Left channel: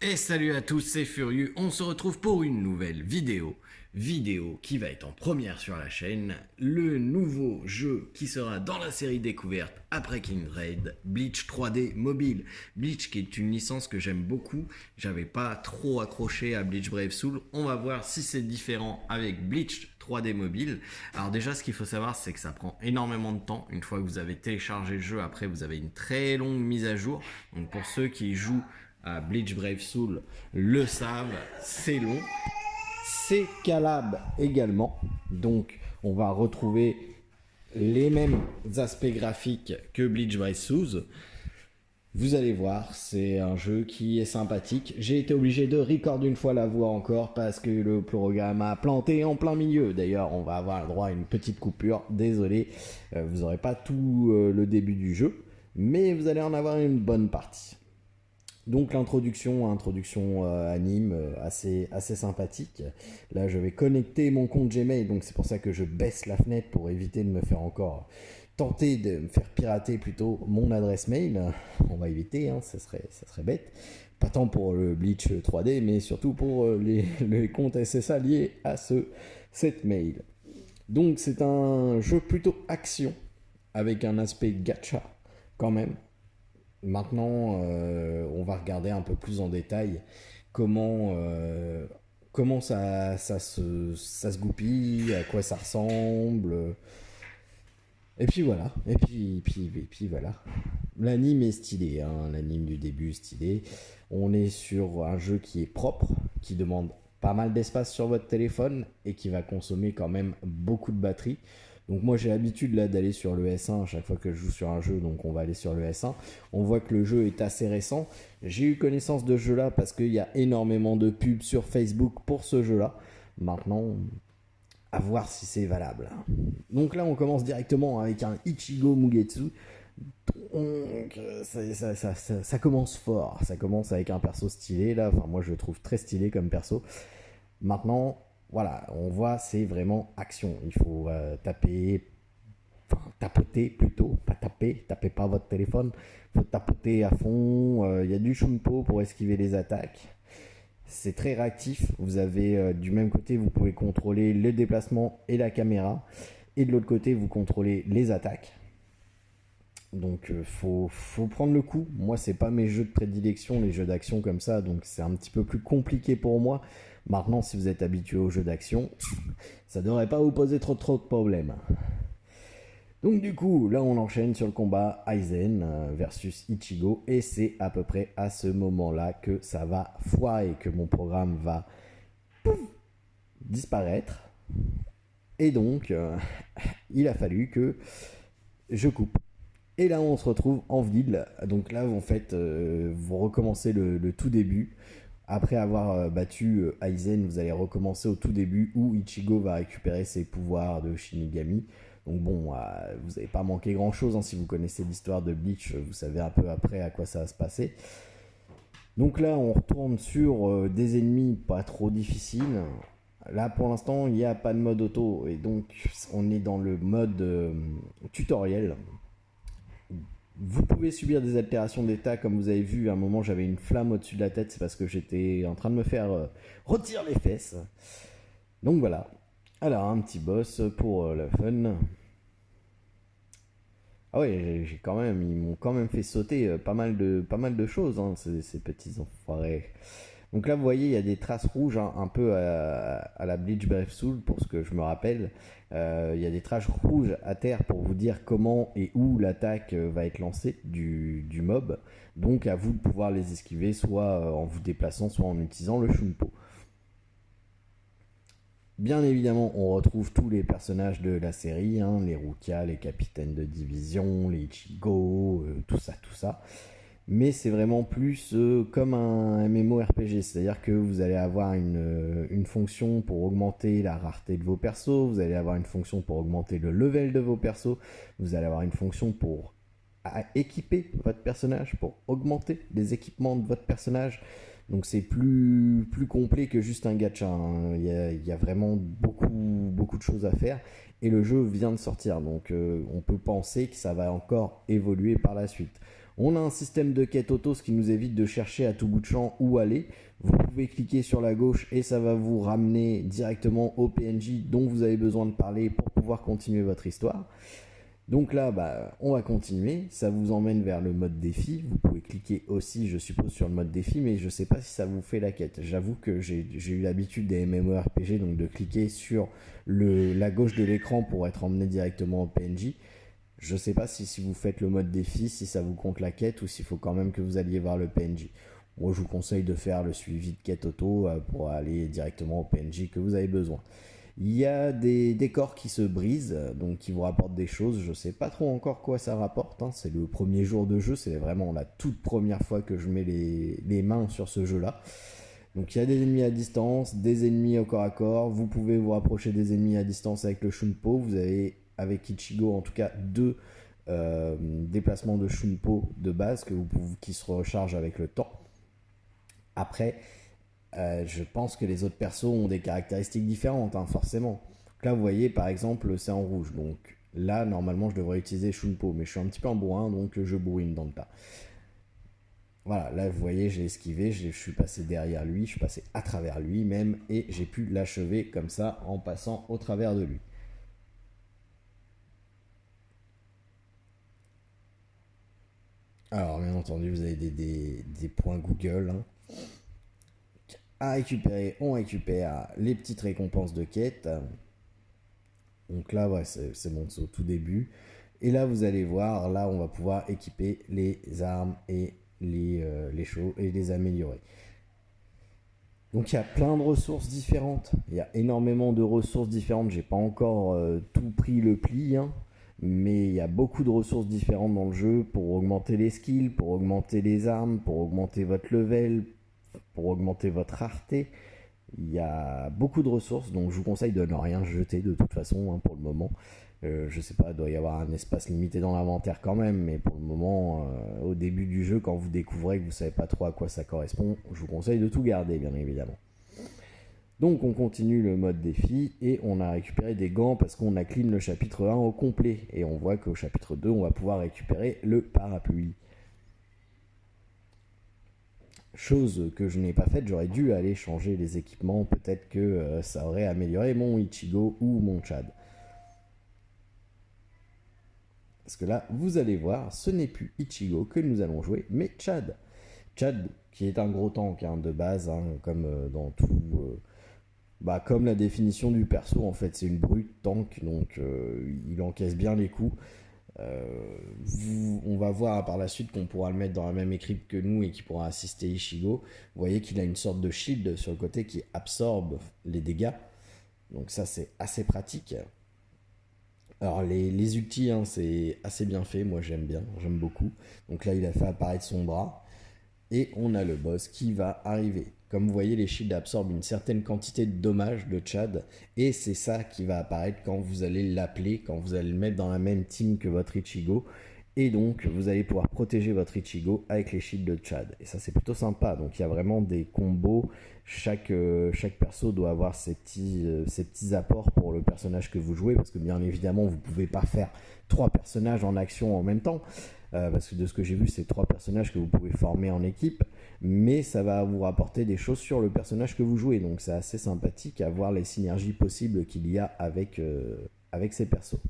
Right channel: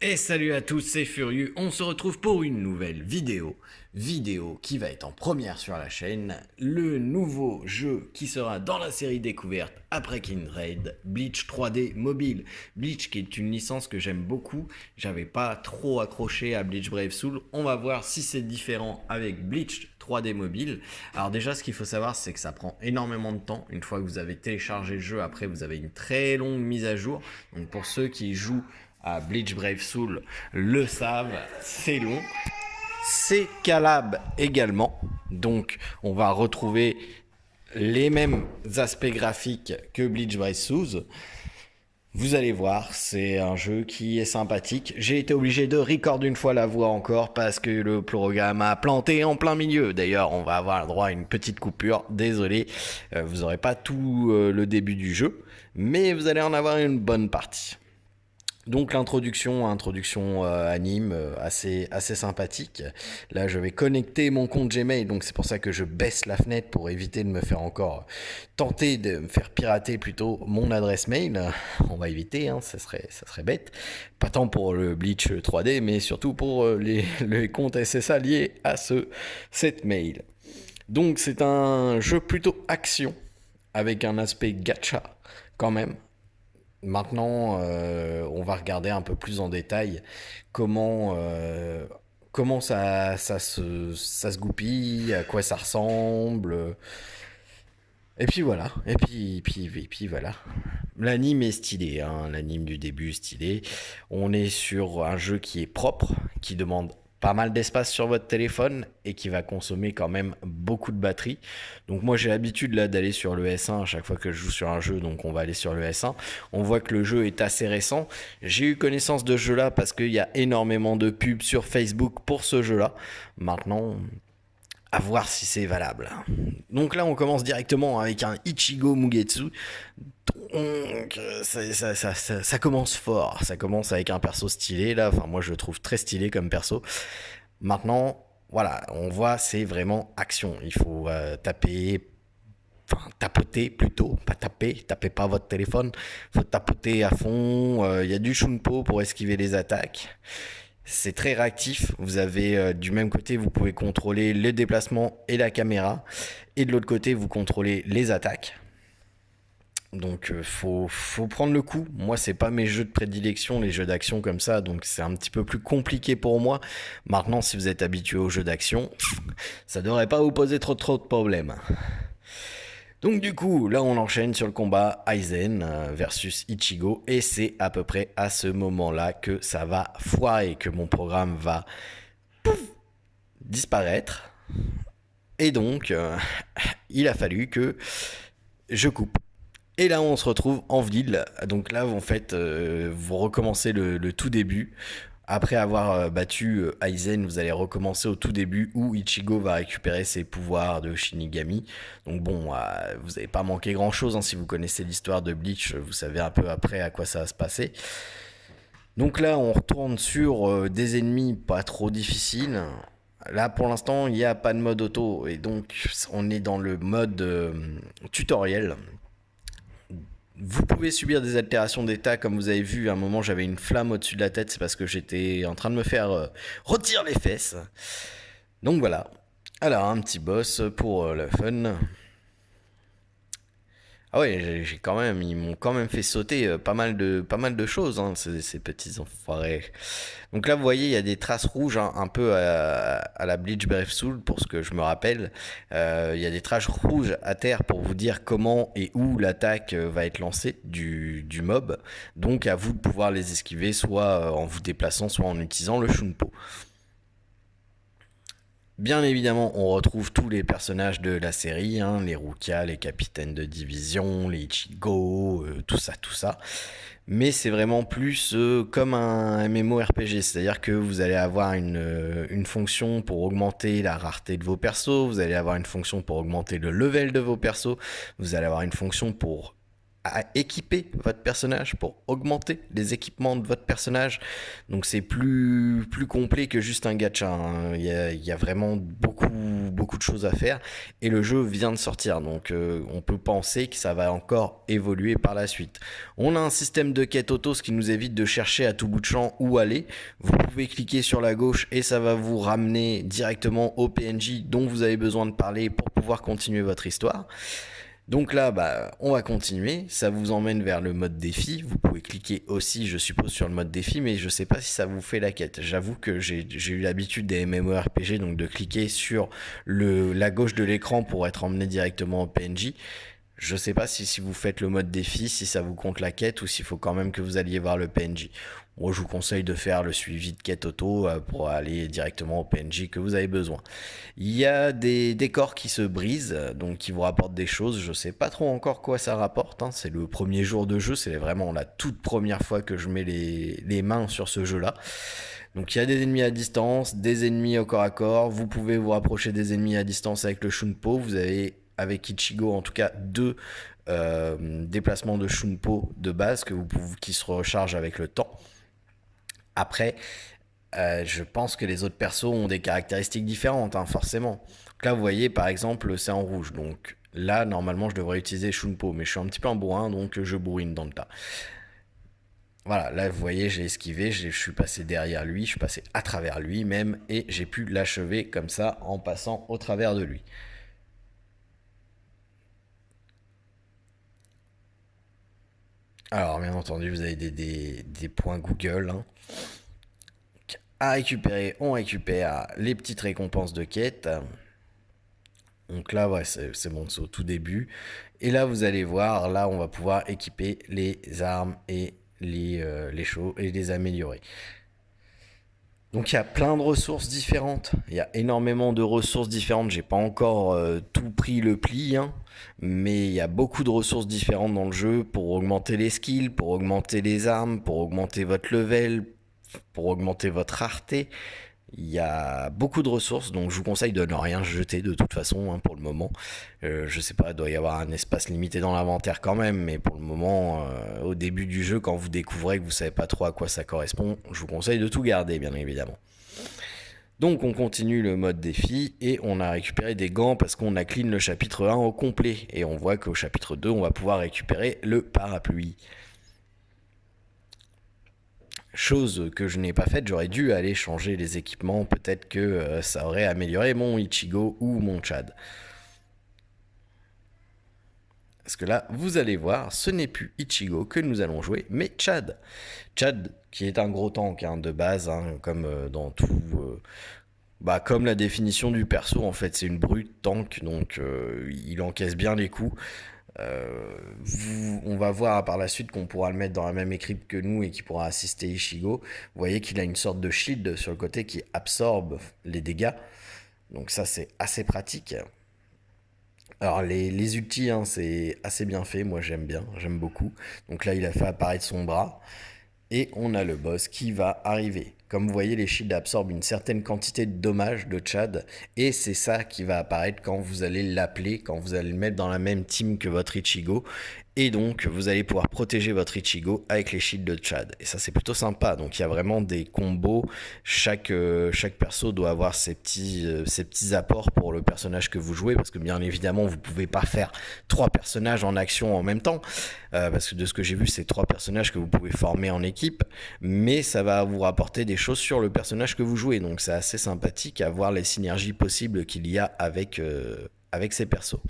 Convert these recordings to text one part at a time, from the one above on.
Et salut à tous, c'est Furieux, on se retrouve pour une nouvelle vidéo qui va être en première sur la chaîne, le nouveau jeu qui sera dans la série découverte après Kindred, Bleach 3D Mobile. Bleach qui est une licence que j'aime beaucoup, j'avais pas trop accroché à Bleach Brave Soul, on va voir si c'est différent avec Bleach 3D Mobile. Alors déjà ce qu'il faut savoir c'est que ça prend énormément de temps, une fois que vous avez téléchargé le jeu, après vous avez une très longue mise à jour, donc pour ceux qui jouent à Bleach Brave Soul le savent, c'est long. C'est calable également, donc on va retrouver les mêmes aspects graphiques que Bleach Brave Soul. Vous allez voir, c'est un jeu qui est sympathique. J'ai été obligé de record une fois la voix encore parce que le programme a planté en plein milieu. D'ailleurs, on va avoir le droit à une petite coupure. Désolé, vous n'aurez pas tout le début du jeu, mais vous allez en avoir une bonne partie. Donc l'introduction anime assez sympathique. Là je vais connecter mon compte Gmail, donc c'est pour ça que je baisse la fenêtre pour éviter de me faire encore tenter de me faire pirater plutôt mon adresse mail. On va éviter, hein, ça serait bête. Pas tant pour le Bleach 3D, mais surtout pour les comptes SSA liés à cette mail. Donc c'est un jeu plutôt action avec un aspect gacha quand même. Maintenant, on va regarder un peu plus en détail comment ça se goupille, à quoi ça ressemble. Et puis voilà. Et puis voilà. L'anime est stylé, hein. L'anime du début est stylé. On est sur un jeu qui est propre, qui demande pas mal d'espace sur votre téléphone et qui va consommer quand même beaucoup de batterie. Donc moi j'ai l'habitude là d'aller sur le S1 à chaque fois que je joue sur un jeu, donc on va aller sur le S1. On voit que le jeu est assez récent. J'ai eu connaissance de ce jeu là parce qu'il y a énormément de pubs sur Facebook pour ce jeu là. Maintenant, à voir si c'est valable. Donc là on commence directement avec un Ichigo Mugetsu. Donc ça commence fort, ça commence avec un perso stylé là, enfin moi je le trouve très stylé comme perso. Maintenant, voilà, on voit c'est vraiment action, il faut tapoter plutôt, pas tapez pas votre téléphone, faut tapoter à fond, y a du shunpo pour esquiver les attaques. C'est très réactif, vous avez du même côté vous pouvez contrôler le déplacement et la caméra, et de l'autre côté vous contrôlez les attaques. Donc faut prendre le coup. Moi c'est pas mes jeux de prédilection, les jeux d'action comme ça, donc c'est un petit peu plus compliqué pour moi. Maintenant si vous êtes habitué aux jeux d'action, ça devrait pas vous poser trop de problèmes. Donc du coup là on enchaîne sur le combat Aizen versus Ichigo, et c'est à peu près à ce moment là que ça va foirer, que mon programme va disparaître, et donc il a fallu que je coupe. Et là, on se retrouve en ville. Donc là, en fait, vous recommencez le tout début. Après avoir battu Aizen, vous allez recommencer au tout début où Ichigo va récupérer ses pouvoirs de Shinigami. Donc bon, vous n'avez pas manqué grand-chose, hein, si vous connaissez l'histoire de Bleach, vous savez un peu après à quoi ça va se passer. Donc là, on retourne sur des ennemis pas trop difficiles. Là, pour l'instant, il n'y a pas de mode auto. Et donc, on est dans le mode tutoriel. Vous pouvez subir des altérations d'état, comme vous avez vu, à un moment j'avais une flamme au-dessus de la tête, c'est parce que j'étais en train de me faire rôtir les fesses. Donc voilà. Alors, un petit boss pour le fun. Ah ouais, ils m'ont quand même fait sauter pas mal de choses, hein, ces petits enfoirés. Donc là, vous voyez, il y a des traces rouges, hein, un peu à la Bleach Brave Soul, pour ce que je me rappelle. Il y a des traces rouges à terre pour vous dire comment et où l'attaque va être lancée du mob. Donc à vous de pouvoir les esquiver, soit en vous déplaçant, soit en utilisant le Shunpo. Bien évidemment, on retrouve tous les personnages de la série, hein, les Rukia, les capitaines de division, les Ichigo, tout ça. Mais c'est vraiment plus comme un MMORPG, c'est-à-dire que vous allez avoir une fonction pour augmenter la rareté de vos persos, vous allez avoir une fonction pour augmenter le level de vos persos, vous allez avoir une fonction pour à équiper votre personnage, pour augmenter les équipements de votre personnage. Donc c'est plus complet que juste un gacha, hein. Il y a vraiment beaucoup de choses à faire et le jeu vient de sortir, donc on peut penser que ça va encore évoluer par la suite. On a un système de quête auto, ce qui nous évite de chercher à tout bout de champ où aller. Vous pouvez cliquer sur la gauche et ça va vous ramener directement au PNJ dont vous avez besoin de parler pour pouvoir continuer votre histoire. Donc là, on va continuer. Ça vous emmène vers le mode défi. Vous pouvez cliquer aussi, je suppose, sur le mode défi, mais je ne sais pas si ça vous fait la quête. J'avoue que j'ai eu l'habitude des MMORPG, donc de cliquer sur la gauche de l'écran pour être emmené directement au PNJ. Je ne sais pas si vous faites le mode défi, si ça vous compte la quête ou s'il faut quand même que vous alliez voir le PNJ. Moi, je vous conseille de faire le suivi de quête auto pour aller directement au PNJ que vous avez besoin. Il y a des décors qui se brisent, donc qui vous rapportent des choses. Je ne sais pas trop encore quoi ça rapporte, hein. C'est le premier jour de jeu, c'est vraiment la toute première fois que je mets les mains sur ce jeu-là. Donc il y a des ennemis à distance, des ennemis au corps à corps. Vous pouvez vous rapprocher des ennemis à distance avec le Shunpo. Vous avez avec Ichigo en tout cas 2 déplacements de Shunpo de base qui se rechargent avec le temps. Après, je pense que les autres persos ont des caractéristiques différentes, hein, forcément. Donc là, vous voyez, par exemple, c'est en rouge. Donc là, normalement, je devrais utiliser Shunpo, mais je suis un petit peu en bourrin, donc je bourrine dans le tas. Voilà, là, vous voyez, j'ai esquivé, je suis passé derrière lui, je suis passé à travers lui même, et j'ai pu l'achever comme ça en passant au travers de lui. Alors, bien entendu, vous avez des points Google, hein. À récupérer, on récupère les petites récompenses de quête. Donc là, ouais, c'est bon, c'est au tout début. Et là, vous allez voir, là, on va pouvoir équiper les armes et les choses et les améliorer. Donc il y a plein de ressources différentes. Il y a énormément de ressources différentes. J'ai pas encore tout pris le pli, hein, mais il y a beaucoup de ressources différentes dans le jeu pour augmenter les skills, pour augmenter les armes, pour augmenter votre level, pour augmenter votre rareté. Il y a beaucoup de ressources, donc je vous conseille de ne rien jeter de toute façon, hein, pour le moment. Je sais pas, il doit y avoir un espace limité dans l'inventaire quand même, mais pour le moment, au début du jeu, quand vous découvrez que vous savez pas trop à quoi ça correspond, je vous conseille de tout garder, bien évidemment. Donc on continue le mode défi et on a récupéré des gants parce qu'on a clean le chapitre 1 au complet. Et on voit qu'au chapitre 2, on va pouvoir récupérer le parapluie. Chose que je n'ai pas faite, j'aurais dû aller changer les équipements, peut-être que ça aurait amélioré mon Ichigo ou mon Chad. Parce que là, vous allez voir, ce n'est plus Ichigo que nous allons jouer, mais Chad. Chad, qui est un gros tank, hein, de base, hein, comme dans tout... comme la définition du perso, en fait, c'est une brute tank, donc il encaisse bien les coups. On va voir par la suite qu'on pourra le mettre dans la même équipe que nous et qui pourra assister Ichigo. Vous voyez qu'il a une sorte de shield sur le côté qui absorbe les dégâts. Donc ça, c'est assez pratique. Alors les ultis, hein, c'est assez bien fait. Moi, j'aime beaucoup. Donc là, il a fait apparaître son bras. Et on a le boss qui va arriver. Comme vous voyez, les shields absorbent une certaine quantité de dommages de Chad. Et c'est ça qui va apparaître quand vous allez l'appeler, quand vous allez le mettre dans la même team que votre Ichigo. Et donc, vous allez pouvoir protéger votre Ichigo avec les shields de Chad. Et ça, c'est plutôt sympa. Donc, il y a vraiment des combos. Chaque perso doit avoir ses petits apports pour le personnage que vous jouez. Parce que bien évidemment, vous ne pouvez pas faire 3 personnages en action en même temps. Parce que de ce que j'ai vu, c'est 3 personnages que vous pouvez former en équipe. Mais ça va vous rapporter des choses sur le personnage que vous jouez. Donc, c'est assez sympathique à voir les synergies possibles qu'il y a avec ces persos.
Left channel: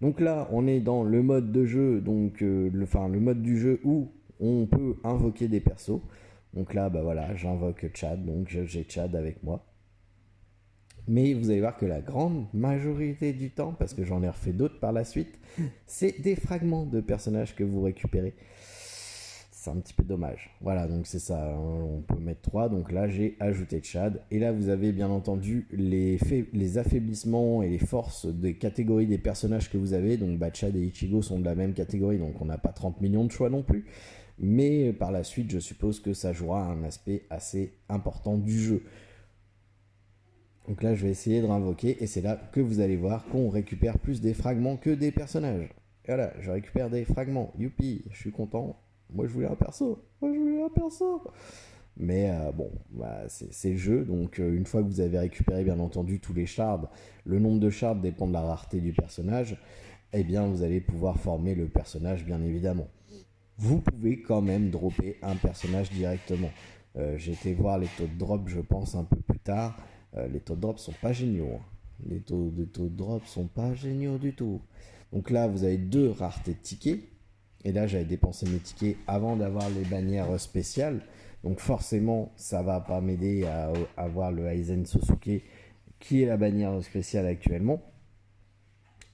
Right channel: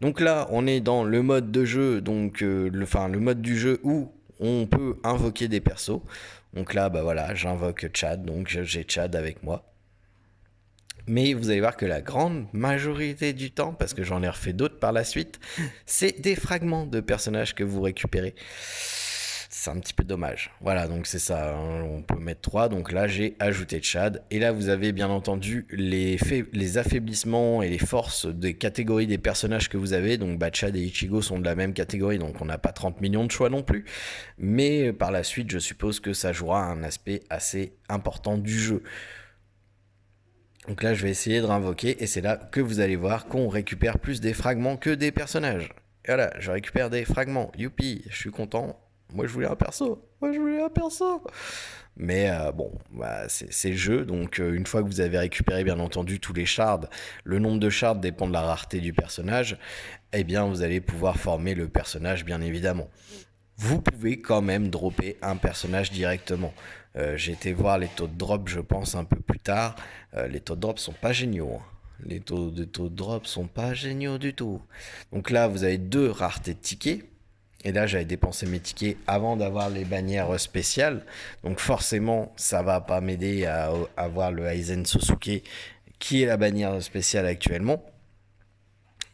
Donc là, on est dans le mode de jeu, donc le mode du jeu où on peut invoquer des persos. Donc là, voilà, j'invoque Chad, donc j'ai Chad avec moi. Mais vous allez voir que la grande majorité du temps, parce que j'en ai refait d'autres par la suite, c'est des fragments de personnages que vous récupérez. C'est un petit peu dommage. Voilà, donc c'est ça, hein, on peut mettre 3. Donc là, j'ai ajouté Chad. Et là, vous avez bien entendu les affaiblissements et les forces des catégories des personnages que vous avez. Donc Chad et Ichigo sont de la même catégorie, donc on n'a pas 30 millions de choix non plus. Mais par la suite, je suppose que ça jouera un aspect assez important du jeu. Donc là, je vais essayer de réinvoquer et c'est là que vous allez voir qu'on récupère plus des fragments que des personnages. Et voilà, je récupère des fragments. Youpi, je suis content. Moi, je voulais un perso. Mais bon, bah, c'est le jeu. Donc, une fois que vous avez récupéré, bien entendu, tous les shards, le nombre de shards dépend de la rareté du personnage. Eh bien, vous allez pouvoir former le personnage, bien évidemment. Vous pouvez quand même dropper un personnage directement. J'ai été voir les taux de drop, je pense, un peu plus tard. Les taux de drop sont pas géniaux. Hein. Les taux de drop sont pas géniaux du tout. Donc là, vous avez 2 raretés de tickets. Et là, j'avais dépensé mes tickets avant d'avoir les bannières spéciales. Donc forcément, ça va pas m'aider à avoir le Aizen Sosuke, qui est la bannière spéciale actuellement.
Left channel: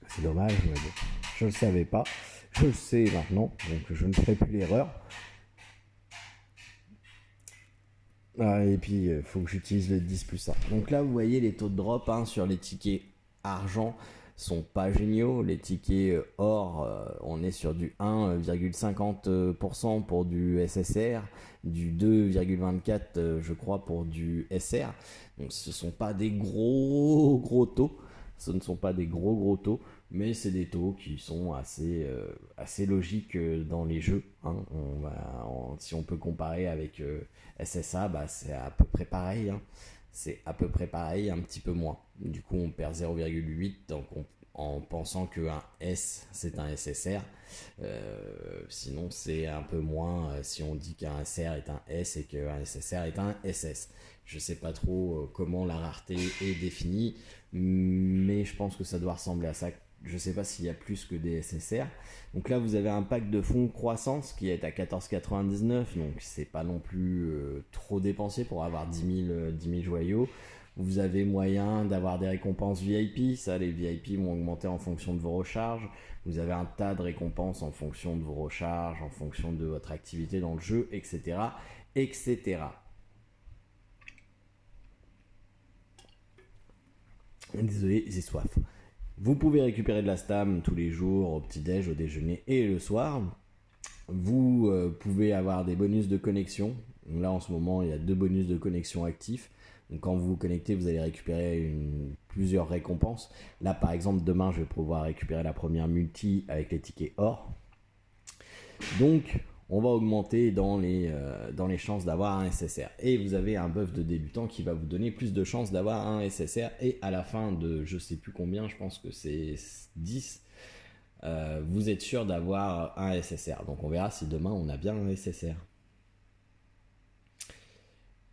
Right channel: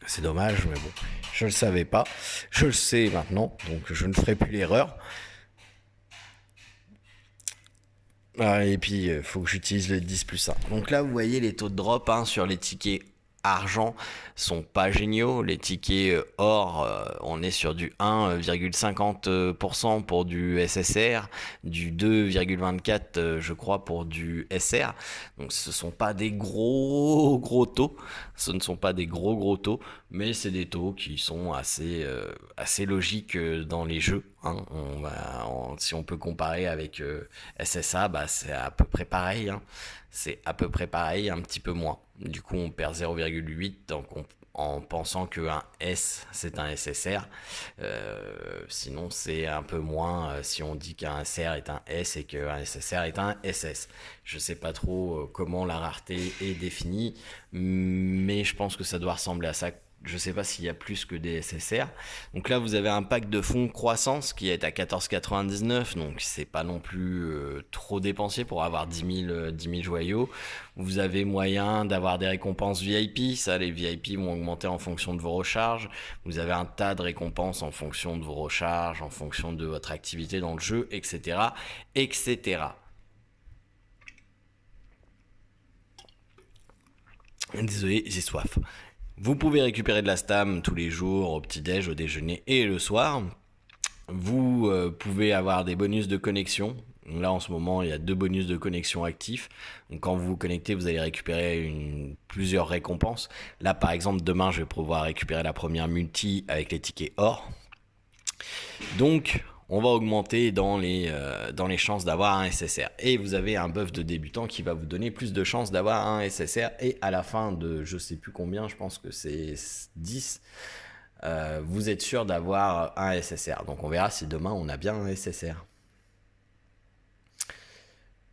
C'est dommage, mais bon, je le savais pas. Je le sais maintenant, donc je ne ferai plus l'erreur. Et puis, il faut que j'utilise le 10 plus 1. Donc là, vous voyez les taux de drop sur les tickets argent sont pas géniaux. Les tickets or, on est sur du 1,50% pour du SSR, du 2,24 je crois pour du SR. Donc ce sont pas des gros taux. Ce ne sont pas des gros taux, mais c'est des taux qui sont assez logiques dans les jeux. Si on peut comparer avec SSA, bah, c'est à peu près pareil. C'est à peu près pareil, un petit peu moins. Du coup, on perd 0,8 en pensant qu'un S, c'est un SSR. Sinon, c'est un peu moins si on dit qu'un SR est un S et qu'un SSR est un SS. Je ne sais pas trop comment la rareté est définie, mais je pense que ça doit ressembler à ça. Je ne sais pas s'il y a plus que des SSR. Donc là, vous avez un pack de fonds croissance qui est à 14,99. Donc c'est pas non plus trop dépensier pour avoir 10 000 joyaux. Vous avez moyen d'avoir des récompenses VIP. Ça, les VIP vont augmenter en fonction de vos recharges. Vous avez un tas de récompenses en fonction de vos recharges, en fonction de votre activité dans le jeu, etc. etc. Désolé, j'ai soif. Vous pouvez récupérer de la stam tous les jours, au petit-déj, au déjeuner et le soir. Vous pouvez avoir des bonus de connexion. Là, en ce moment, il y a 2 bonus de connexion actifs. Donc, quand vous vous connectez, vous allez récupérer plusieurs récompenses. Là, par exemple, demain, je vais pouvoir récupérer la première multi avec les tickets or. Donc, on va augmenter dans les chances d'avoir un SSR. Et vous avez un buff de débutant qui va vous donner plus de chances d'avoir un SSR. Et à la fin de je sais plus combien, je pense que c'est 10, vous êtes sûr d'avoir un SSR. Donc on verra si demain on a bien un SSR.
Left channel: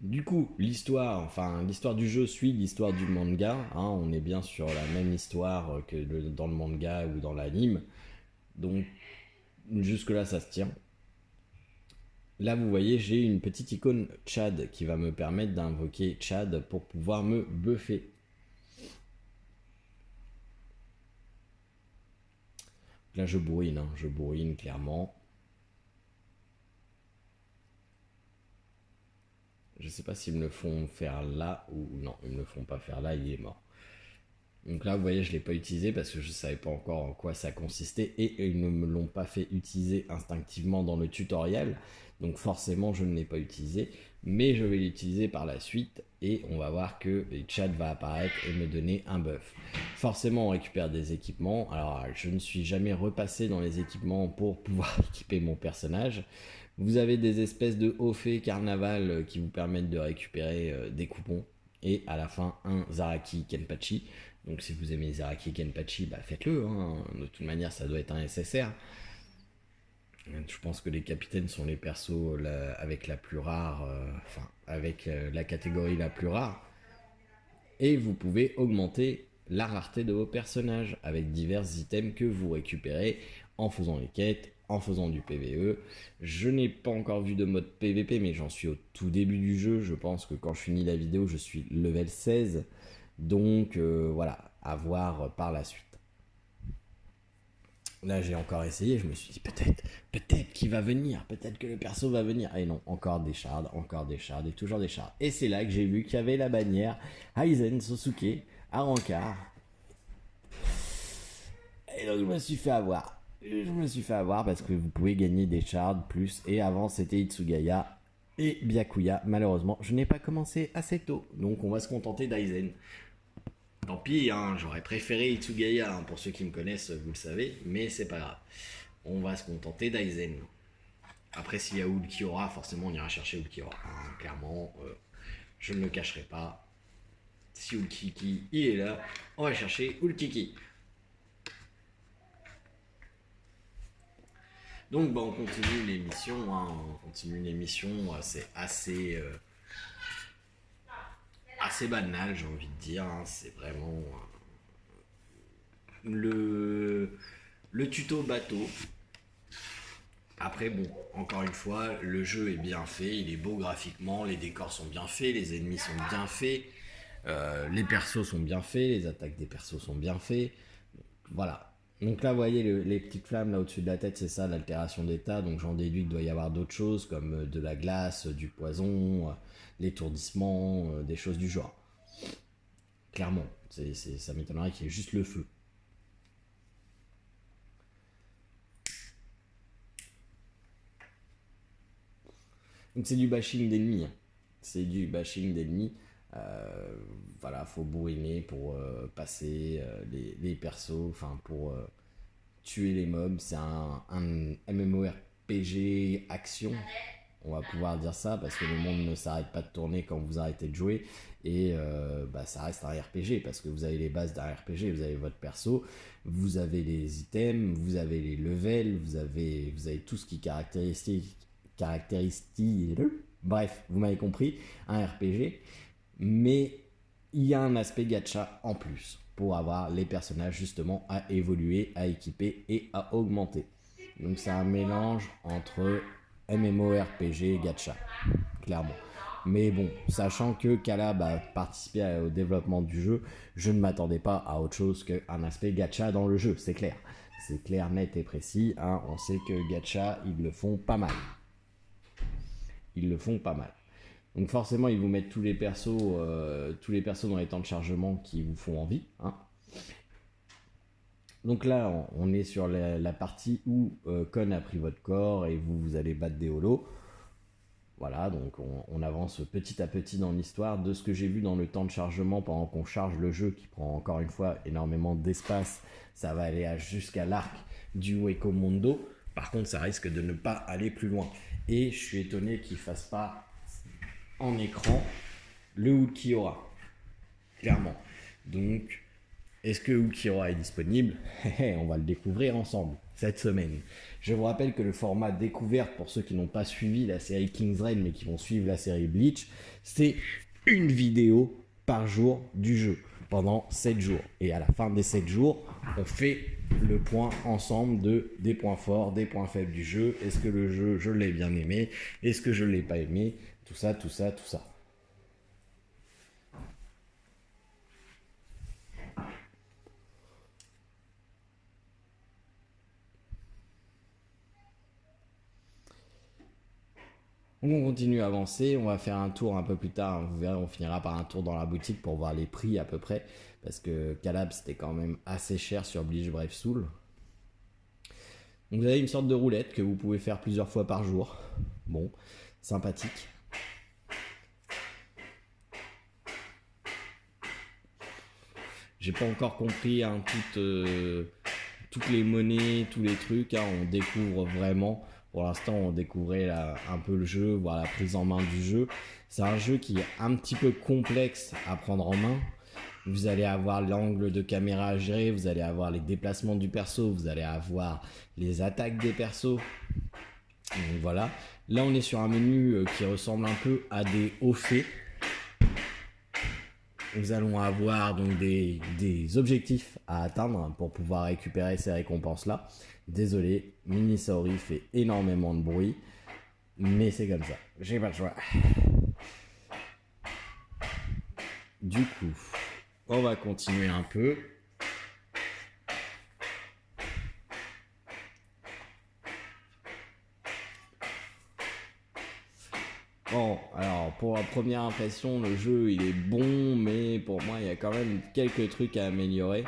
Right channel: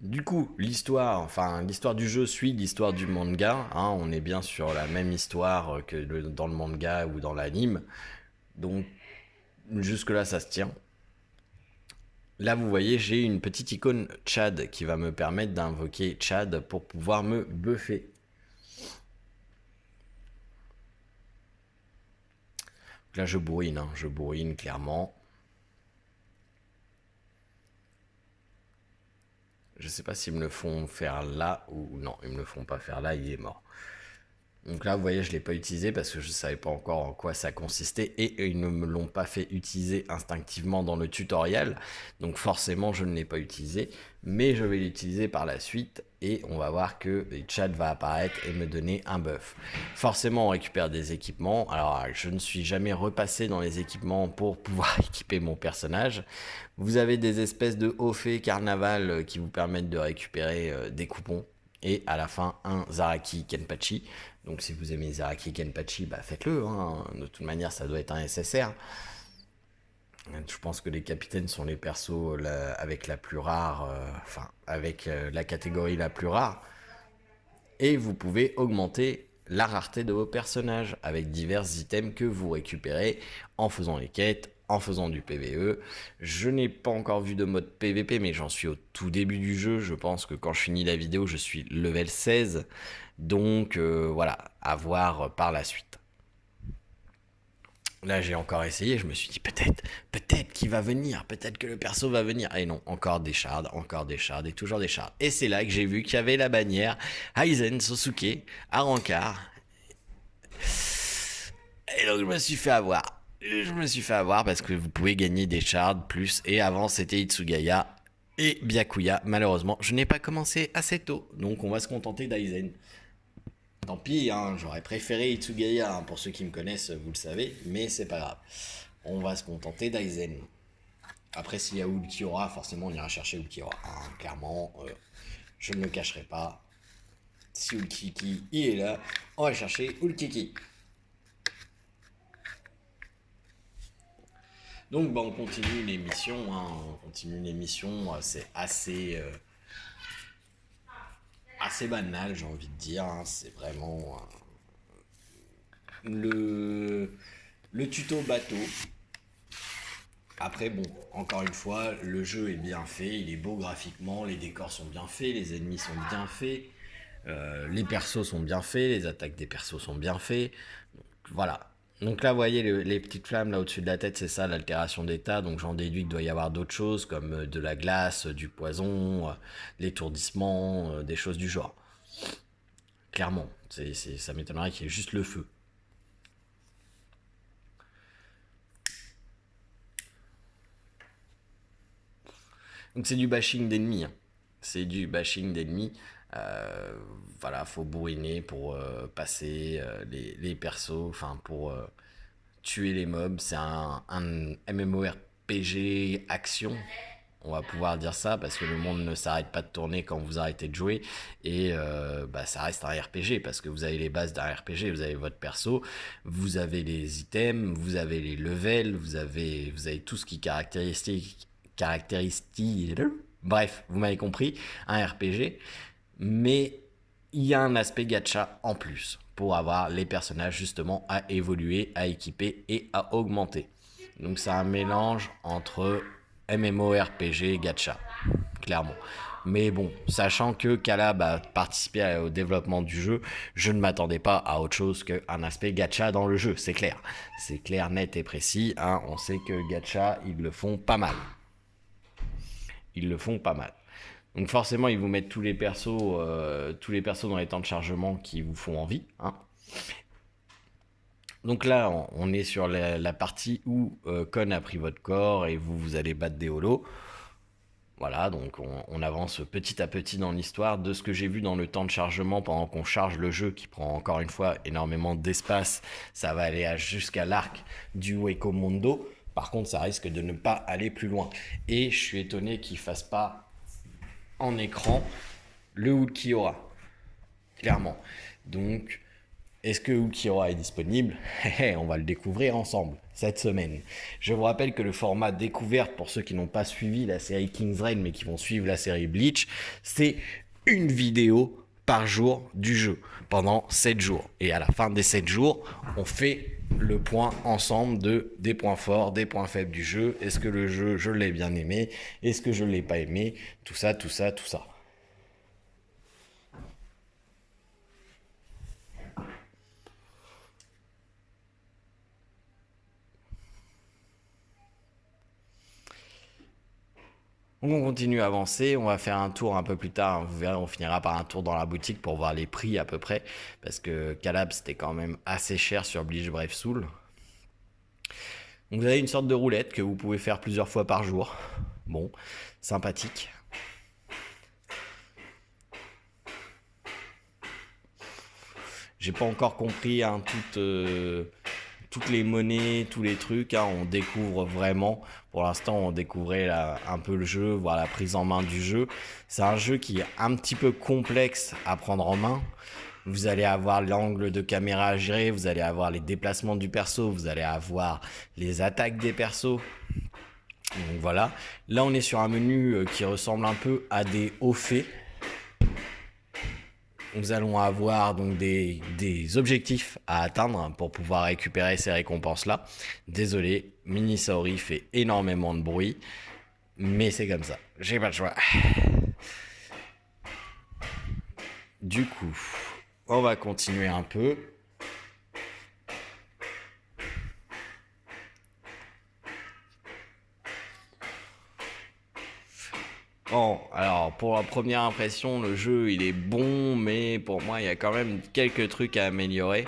Du coup, l'histoire du jeu suit l'histoire du manga. On est bien sur la même histoire que dans le manga ou dans l'anime. Donc jusque-là, ça se tient. Là, vous voyez, j'ai une petite icône Chad qui va me permettre d'invoquer Chad pour pouvoir me buffer. Là, je bourrine clairement. Je sais pas s'ils me le font faire là ou non, ils me le font pas faire là, il est mort. Donc là, vous voyez, je ne l'ai pas utilisé parce que je ne savais pas encore en quoi ça consistait et ils ne me l'ont pas fait utiliser instinctivement dans le tutoriel. Donc forcément, je ne l'ai pas utilisé, mais je vais l'utiliser par la suite et on va voir que le chat va apparaître et me donner un buff. Forcément, on récupère des équipements. Alors, je ne suis jamais repassé dans les équipements pour pouvoir équiper mon personnage. Vous avez des espèces de hauts faits carnaval qui vous permettent de récupérer des coupons. Et à la fin, un Zaraki Kenpachi. Donc si vous aimez Zaraki Kenpachi, bah faites-le. De toute manière, ça doit être un SSR. Je pense que les capitaines sont les persos avec la plus rare, avec la catégorie la plus rare. Et vous pouvez augmenter la rareté de vos personnages avec divers items que vous récupérez en faisant les quêtes, en faisant du PVE. Je n'ai pas encore vu de mode PVP, mais j'en suis au tout début du jeu. Je pense que quand je finis la vidéo, je suis level 16. Donc voilà, à voir par la suite. Là, j'ai encore essayé, je me suis dit peut-être qu'il va venir, peut-être que le perso va venir. Et non, encore des shards et toujours des shards. Et c'est là que j'ai vu qu'il y avait la bannière Aizen Sosuke à Rancard. Et donc je me suis fait avoir parce que vous pouvez gagner des shards plus. Et avant, c'était Itsugaya et Byakuya. Malheureusement, je n'ai pas commencé assez tôt. Donc on va se contenter d'Aizen. Tant pis, hein, j'aurais préféré Itsugaya, hein, pour ceux qui me connaissent, vous le savez, mais c'est pas grave. On va se contenter d'Aizen. Après, s'il y a Ulquiorra, forcément on ira chercher Ulquiorra. Hein, clairement, je ne le cacherai pas. Si Ulkiki il est là, on va chercher Ulkiki. Donc bah, on continue l'émission, hein, c'est assez banal, j'ai envie de dire, hein, c'est vraiment le tuto bateau. Après bon, encore une fois, le jeu est bien fait, il est beau graphiquement, les décors sont bien faits, les ennemis sont bien faits, les persos sont bien faits, les attaques des persos sont bien faits, voilà. Donc là, vous voyez les petites flammes là au-dessus de la tête, c'est ça l'altération d'état. Donc j'en déduis qu'il doit y avoir d'autres choses comme de la glace, du poison, l'étourdissement, des choses du genre. Clairement, ça m'étonnerait qu'il y ait juste le feu. Donc c'est du bashing d'ennemis. Hein. C'est du bashing d'ennemis. Voilà, faut bourriner pour passer les persos, enfin pour tuer les mobs. C'est un MMORPG action, on va pouvoir dire ça, parce que le monde ne s'arrête pas de tourner quand vous arrêtez de jouer, et ça reste un RPG, parce que vous avez les bases d'un RPG, vous avez votre perso, vous avez les items, vous avez les levels, vous avez tout ce qui caractérise, bref, vous m'avez compris, un RPG, mais il y a un aspect gacha en plus pour avoir les personnages justement à évoluer, à équiper et à augmenter. Donc c'est un mélange entre MMORPG et gacha, clairement. Mais bon, sachant que Calab a participé au développement du jeu, je ne m'attendais pas à autre chose qu'un aspect gacha dans le jeu, c'est clair. C'est clair, net et précis, hein. On sait que gacha, ils le font pas mal. Donc forcément, ils vous mettent tous les persos dans les temps de chargement qui vous font envie. Hein. Donc là, on est sur la partie où Kon a pris votre corps et vous allez battre des holos. Voilà, donc on avance petit à petit dans l'histoire. De ce que j'ai vu dans le temps de chargement pendant qu'on charge le jeu, qui prend encore une fois énormément d'espace, ça va aller jusqu'à l'arc du Hueco Mundo. Par contre, ça risque de ne pas aller plus loin. Et je suis étonné qu'il ne fasse pas en écran le Ulquiorra, clairement. Donc, est-ce que Ulquiorra est disponible? On va le découvrir ensemble cette semaine. Je vous rappelle que le format découverte, pour ceux qui n'ont pas suivi la série King's Reign mais qui vont suivre la série Bleach, c'est une vidéo par jour du jeu pendant 7 jours. Et à la fin des 7 jours, on fait le point ensemble des points forts, des points faibles du jeu. Est-ce que le jeu, je l'ai bien aimé? Est-ce que je ne l'ai pas aimé? Tout ça. On continue à avancer, on va faire un tour un peu plus tard, vous verrez, on finira par un tour dans la boutique pour voir les prix à peu près, parce que Calab c'était quand même assez cher sur Bleach Brave Soul. Donc vous avez une sorte de roulette que vous pouvez faire plusieurs fois par jour. Bon, sympathique. J'ai pas encore compris hein, toutes les monnaies, tous les trucs, hein, on découvre vraiment. Pour l'instant, on découvrait un peu le jeu, voir la prise en main du jeu. C'est un jeu qui est un petit peu complexe à prendre en main. Vous allez avoir l'angle de caméra à gérer, vous allez avoir les déplacements du perso, vous allez avoir les attaques des persos. Donc voilà. Là, on est sur un menu qui ressemble un peu à des hauts faits. Nous allons avoir donc des objectifs à atteindre pour pouvoir récupérer ces récompenses-là. Désolé, Minisauri fait énormément de bruit, mais c'est comme ça. J'ai pas le choix. Du coup, on va continuer un peu. Bon, alors pour la première impression, le jeu il est bon, mais pour moi il y a quand même quelques trucs à améliorer.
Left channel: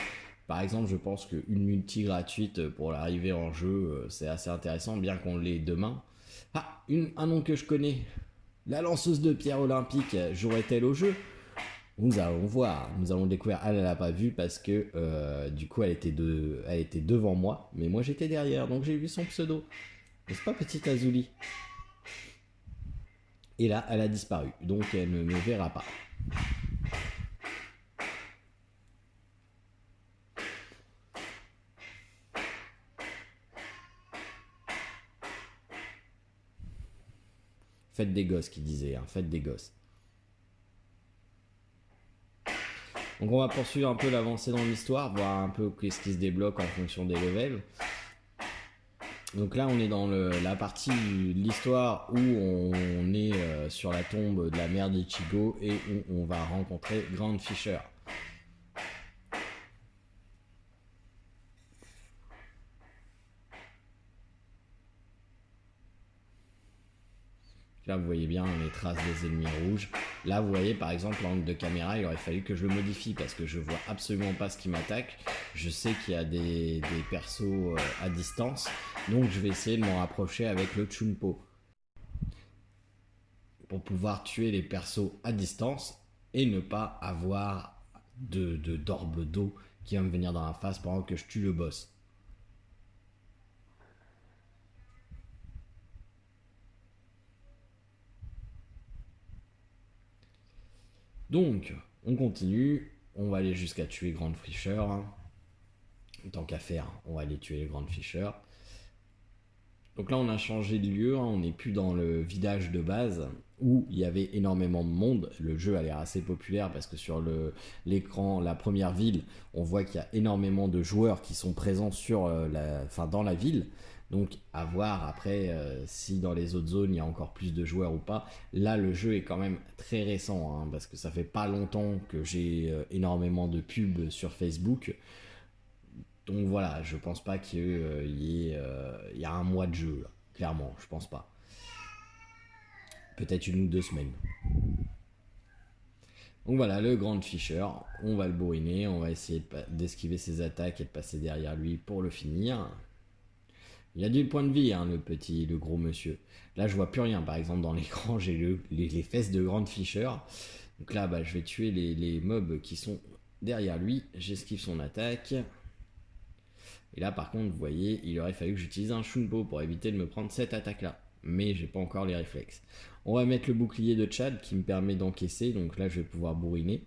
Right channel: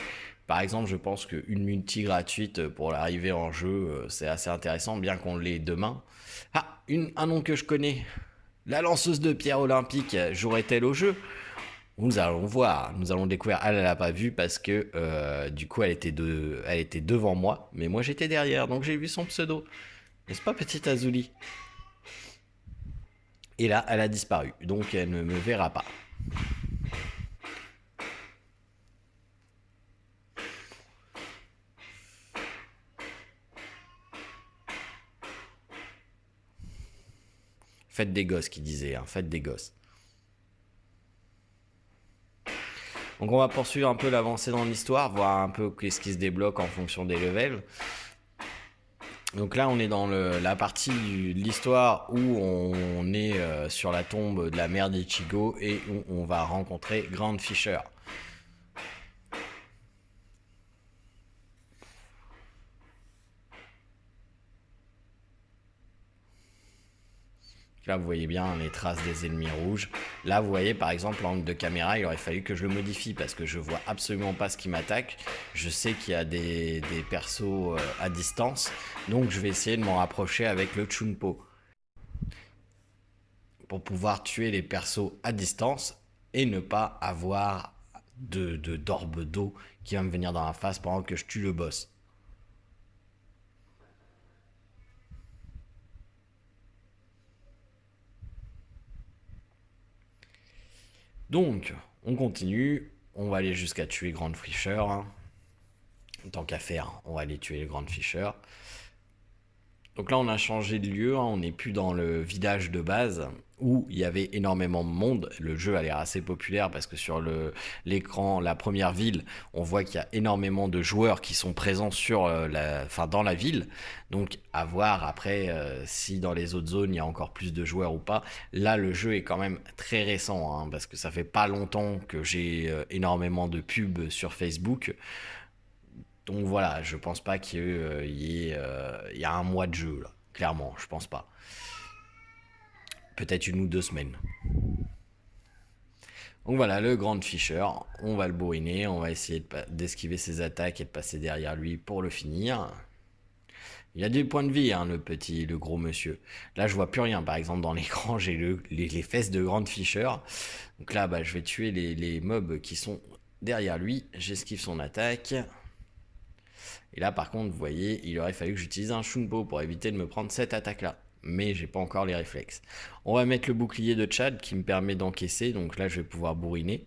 Par exemple, je pense qu'une multi gratuite pour l'arrivée en jeu, c'est assez intéressant, bien qu'on l'ait demain. Un nom que je connais, la lanceuse de pierre olympique, jouerait-elle au jeu? Nous allons voir, nous allons découvrir. Elle n'a pas vu parce que du coup elle était devant moi, mais moi j'étais derrière, donc j'ai vu son pseudo. N'est-ce pas, petite Azuli? Et là, elle a disparu, donc elle ne me verra pas. Faites des gosses, qui disait, hein, faites des gosses. Donc on va poursuivre un peu l'avancée dans l'histoire, voir un peu qu'est-ce qui se débloque en fonction des levels. Donc là on est dans la partie de l'histoire où on est sur la tombe de la mère d'Ichigo et où on va rencontrer Grand Fisher. Là, vous voyez bien les traces des ennemis rouges. Là, vous voyez, par exemple, l'angle de caméra, il aurait fallu que je le modifie parce que je vois absolument pas ce qui m'attaque. Je sais qu'il y a des persos à distance, donc je vais essayer de m'en rapprocher avec le Chunpo pour pouvoir tuer les persos à distance et ne pas avoir d'orbe d'eau qui va me venir dans la face pendant que je tue le boss. Donc, on continue. On va aller jusqu'à tuer Grand Fisher. Tant qu'à faire, on va aller tuer les Grand Fisher. Donc là, on a changé de lieu. On n'est plus dans le village de base où il y avait énormément de monde. Le jeu a l'air assez populaire parce que sur l'écran, la première ville, on voit qu'il y a énormément de joueurs qui sont présents dans la ville. Donc à voir après si dans les autres zones il y a encore plus de joueurs ou pas. Là, le jeu est quand même très récent hein, parce que ça fait pas longtemps que j'ai énormément de pubs sur Facebook. Donc voilà, je pense pas qu'il y ait un mois de jeu là. Clairement, je pense pas. Peut-être 1 ou 2 semaines. Donc voilà, le Grand Fisher, on va le bourriner, on va essayer d'esquiver ses attaques et de passer derrière lui pour le finir. Il a des points de vie, hein, le gros monsieur. Là, je vois plus rien. Par exemple, dans l'écran, j'ai les fesses de Grand Fisher. Donc là, je vais tuer les mobs qui sont derrière lui. J'esquive son attaque. Et là, par contre, vous voyez, il aurait fallu que j'utilise un Shunpo pour éviter de me prendre cette attaque-là. Mais j'ai pas encore les réflexes. On va mettre le bouclier de Chad qui me permet d'encaisser. Donc là, je vais pouvoir bourriner.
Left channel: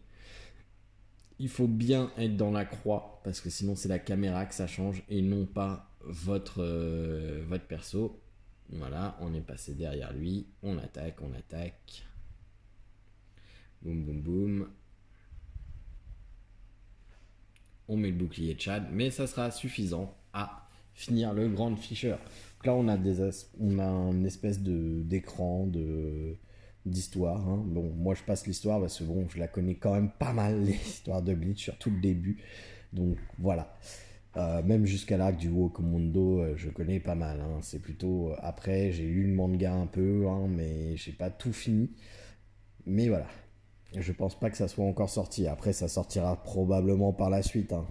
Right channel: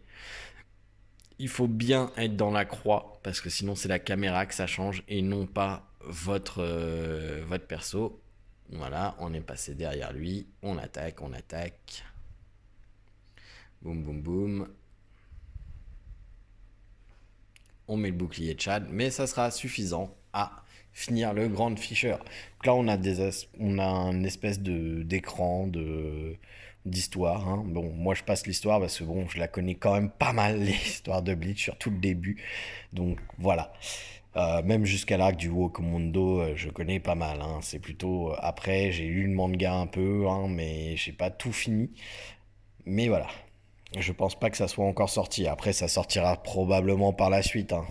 Il faut bien être dans la croix parce que sinon, c'est la caméra que ça change et non pas votre perso. Voilà, on est passé derrière lui. On attaque. Boum, boum, boum. On met le bouclier de Chad, mais ça sera suffisant à finir le Grand Fisher. Donc là, on a une espèce d'écran d'histoire. Hein. Bon, moi, je passe l'histoire parce que bon, je la connais quand même pas mal, l'histoire de Bleach, surtout le début. Donc voilà. Même jusqu'à l'arc du Wokomondo, je connais pas mal. Hein. C'est plutôt après, j'ai lu le manga un peu, hein, mais j'ai pas tout fini. Mais voilà. Je pense pas que ça soit encore sorti. Après, ça sortira probablement par la suite. Hein.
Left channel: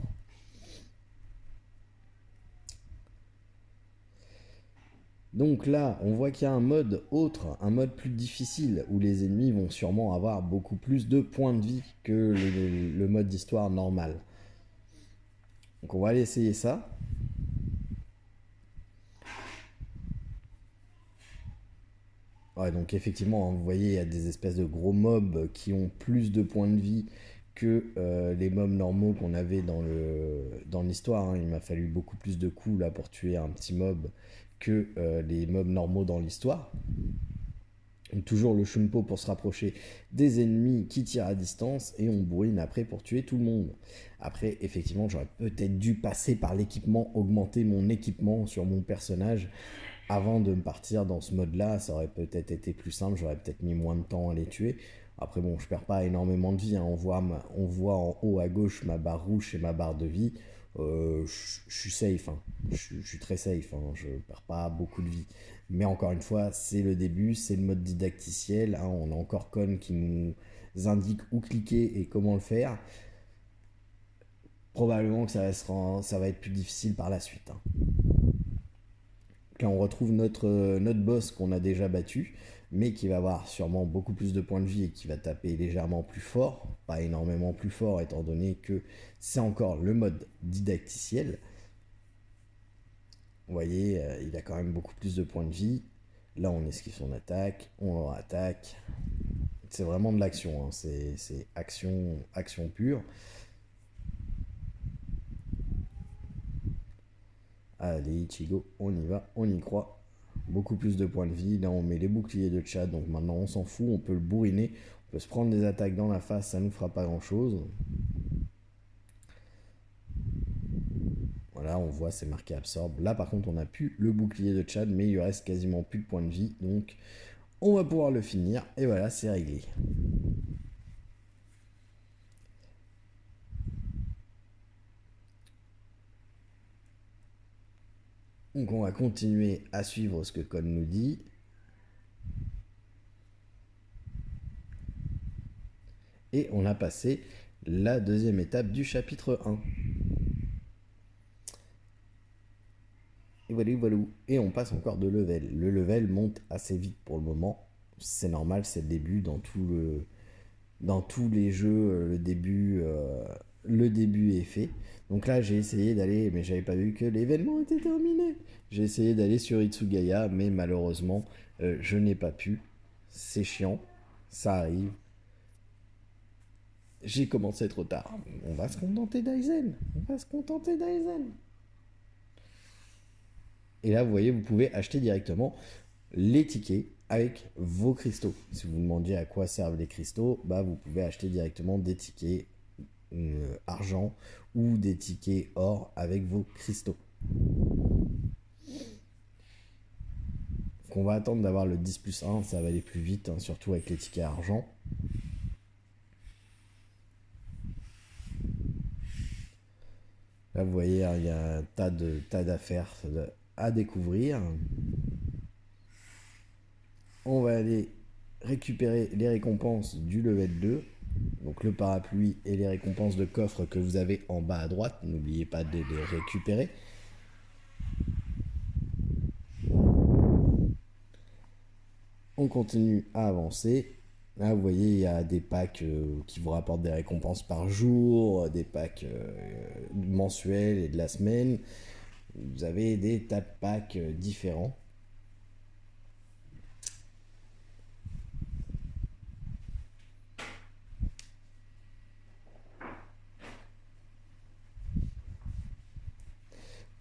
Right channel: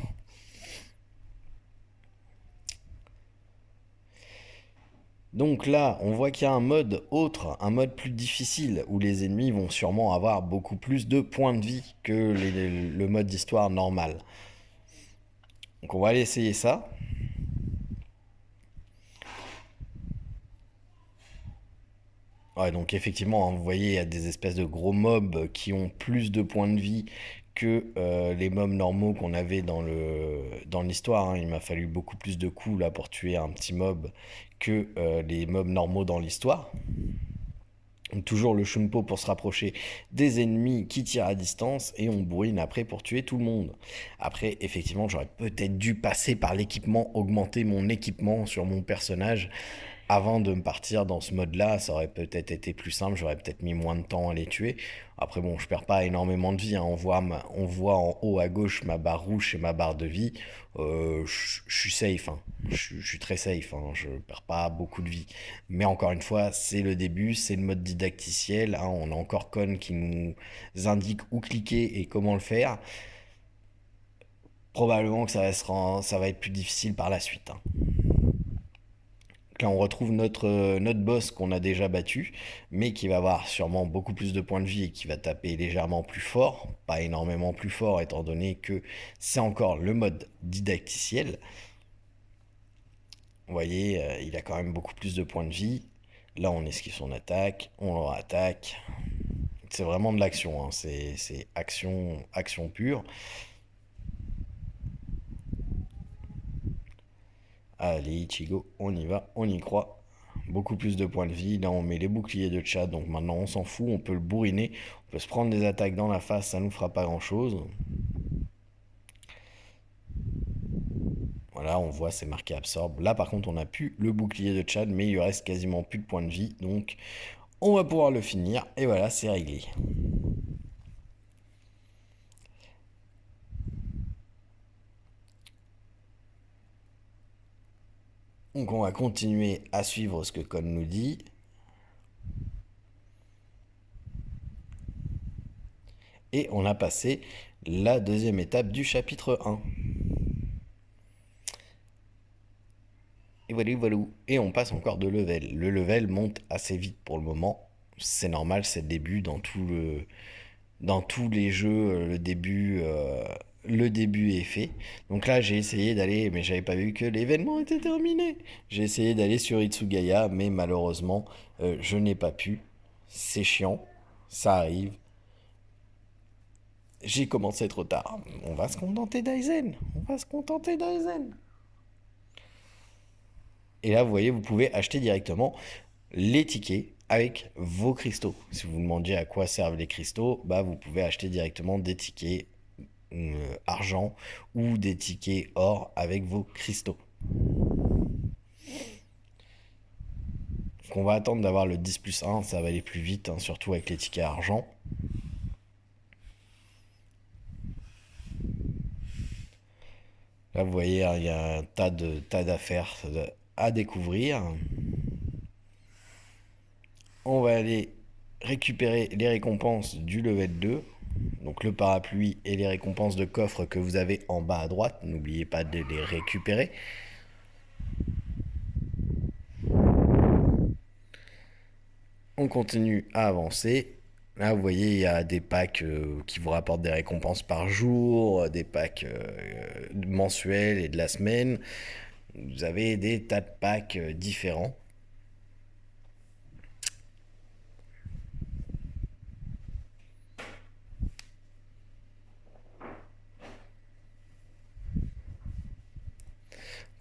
Donc là, on voit qu'il y a un mode autre, un mode plus difficile, où les ennemis vont sûrement avoir beaucoup plus de points de vie que le mode d'histoire normal. Donc on va aller essayer ça. Ouais, donc effectivement, hein, vous voyez, il y a des espèces de gros mobs qui ont plus de points de vie que les mobs normaux qu'on avait dans l'histoire. Hein. Il m'a fallu beaucoup plus de coups là pour tuer un petit mob que les mobs normaux dans l'histoire. Donc, toujours le Shunpo pour se rapprocher des ennemis qui tirent à distance et on bourrine après pour tuer tout le monde. Après, effectivement, j'aurais peut-être dû passer par l'équipement, augmenter mon équipement sur mon personnage avant de me partir dans ce mode-là. Ça aurait peut-être été plus simple, j'aurais peut-être mis moins de temps à les tuer. Après, bon, je perds pas énormément de vie. Hein. On voit en haut à gauche ma barre rouge et ma barre de vie. Je suis safe. Hein. Je suis très safe. Hein. Je perds pas beaucoup de vie. Mais encore une fois, c'est le début, c'est le mode didacticiel. Hein. On a encore Kon qui nous indique où cliquer et comment le faire. Probablement que ça va être plus difficile par la suite. Hein. Donc là, on retrouve notre boss qu'on a déjà battu, mais qui va avoir sûrement beaucoup plus de points de vie et qui va taper légèrement plus fort, pas énormément plus fort étant donné que c'est encore le mode didacticiel. Vous voyez, il a quand même beaucoup plus de points de vie. Là, on esquive son attaque, on le attaque. C'est vraiment de l'action, hein. C'est action pure. Allez, Ichigo, on y va, on y croit. Beaucoup plus de points de vie. Là, on met les boucliers de Chad, donc maintenant, on s'en fout. On peut le bourriner. On peut se prendre des attaques dans la face, ça nous fera pas grand-chose. Voilà, on voit, c'est marqué absorbe. Là, par contre, on n'a plus le bouclier de Chad, mais il lui reste quasiment plus de points de vie. Donc, on va pouvoir le finir. Et voilà, c'est réglé. Donc on va continuer à suivre ce que Kon nous dit. Et on a passé la deuxième étape du chapitre 1. Et voilà. Et on passe encore de level. Le level monte assez vite pour le moment. C'est normal, c'est le début dans tous les jeux, le début est fait. Donc là, j'ai essayé d'aller, mais j'avais pas vu que l'événement était terminé. J'ai essayé d'aller sur Itsugaya, mais malheureusement, je n'ai pas pu. C'est chiant, ça arrive. J'ai commencé trop tard. On va se contenter d'Aizen. Et là, vous voyez, vous pouvez acheter directement les tickets avec vos cristaux. Si vous vous demandiez à quoi servent les cristaux, bah vous pouvez acheter directement des tickets argent ou des tickets or avec vos cristaux. Donc on va attendre d'avoir le 10+1, ça va aller plus vite, hein, surtout avec les tickets argent. Là vous voyez, il y a un tas d'affaires à découvrir. On va aller récupérer les récompenses du level 2. Donc le parapluie et les récompenses de coffre que vous avez en bas à droite. N'oubliez pas de les récupérer. On continue à avancer. Là, vous voyez, il y a des packs qui vous rapportent des récompenses par jour, des packs mensuels et de la semaine. Vous avez des tas de packs différents.